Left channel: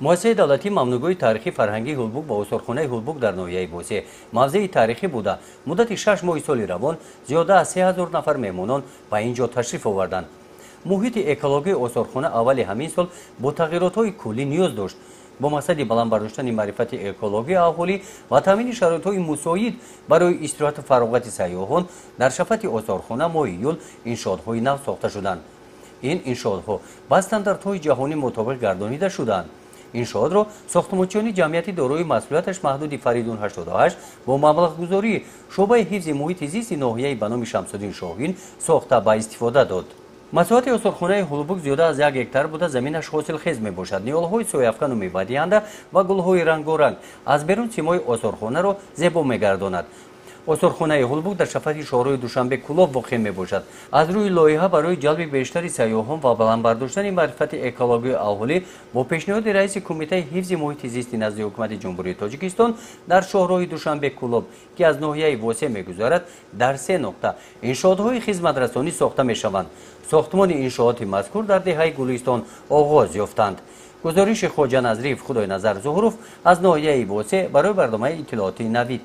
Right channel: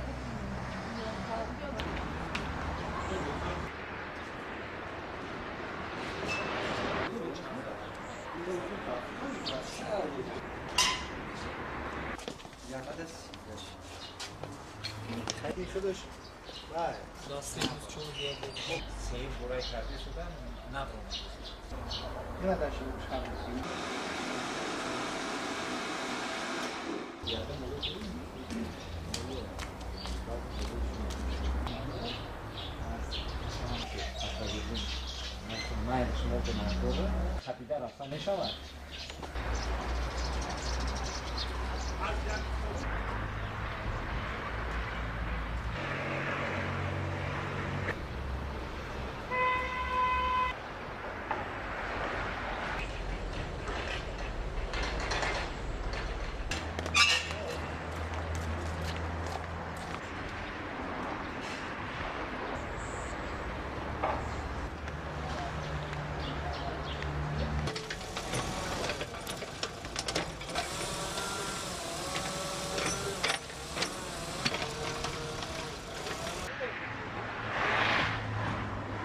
муассисаи давлатӣ мамнӯъгои таърихи фарҳангии Гулбуг ба осорхонаи Гулбуг дар ноҳияи Босе мавзеи таърихӣ буда, муддати 6 моҳи соли равон зиёда аз 3000 нафар меҳмонон ба ин ҷо ташриф оварданд. муҳити экологияи осорхона аввали ҳамин сол бо тағйиротҳои куллӣ ниёз дошт. бо мақсади баланд бардоштани маърифати экологияи аҳолӣ ва таъмини шароитҳои мусоид барои истироҳату фароғати сайёҳон дар шафати осорхона моҳи июл иншоотҳои нав сохта шуданд. ин иншоотҳо ба стандартҳои ҷаҳонӣ мутобиқ гардонида шуданд. иншоотро сохтмончиёни ҷамъияти дорои масъулияташ маҳдуди Фаридун 88 бо маблағгузории шуъбаи ҳифзи муҳити зисти ноҳияи ба номи Шамсуддин Шоҳин сохта ба истифода дод. масоҳати осорхонаи Гулбуг зиёда аз 1 гектар буда заминаш ҳосилхез мебошад. ниҳолҳои сояфкану мебадиҳанда ва гулҳои рангоранг аз берун симои осорхонаро зебо мегардонад. осорхонаи Гулбуг дар шафати шоҳраи Душанбе Кӯлов воқеъ мебошад. аз рӯи лоиҳа барои ҷалби бештари сайёҳон ва баландбардоштани маърифати экологияи аҳолӣ бо пешниҳоди раиси кумитаи ҳифзи муҳити зисти назди ҳукумати ҷумҳурии Тоҷикистон дар шоҳрои Душанбе Кӯлов, ки аз ноҳияи Босе мегузарад, дар 3 нуқта иншоотҳои хизматрасонӣ сохта мешаванд. сохтмони иншооти мазкур дар деҳаи Гулистон оғоз ёфтанд. гузориши Хоҷа Назриев Худойназар Зуҳуров аз ноҳияи Босе барои барномаи иттилооти Навид.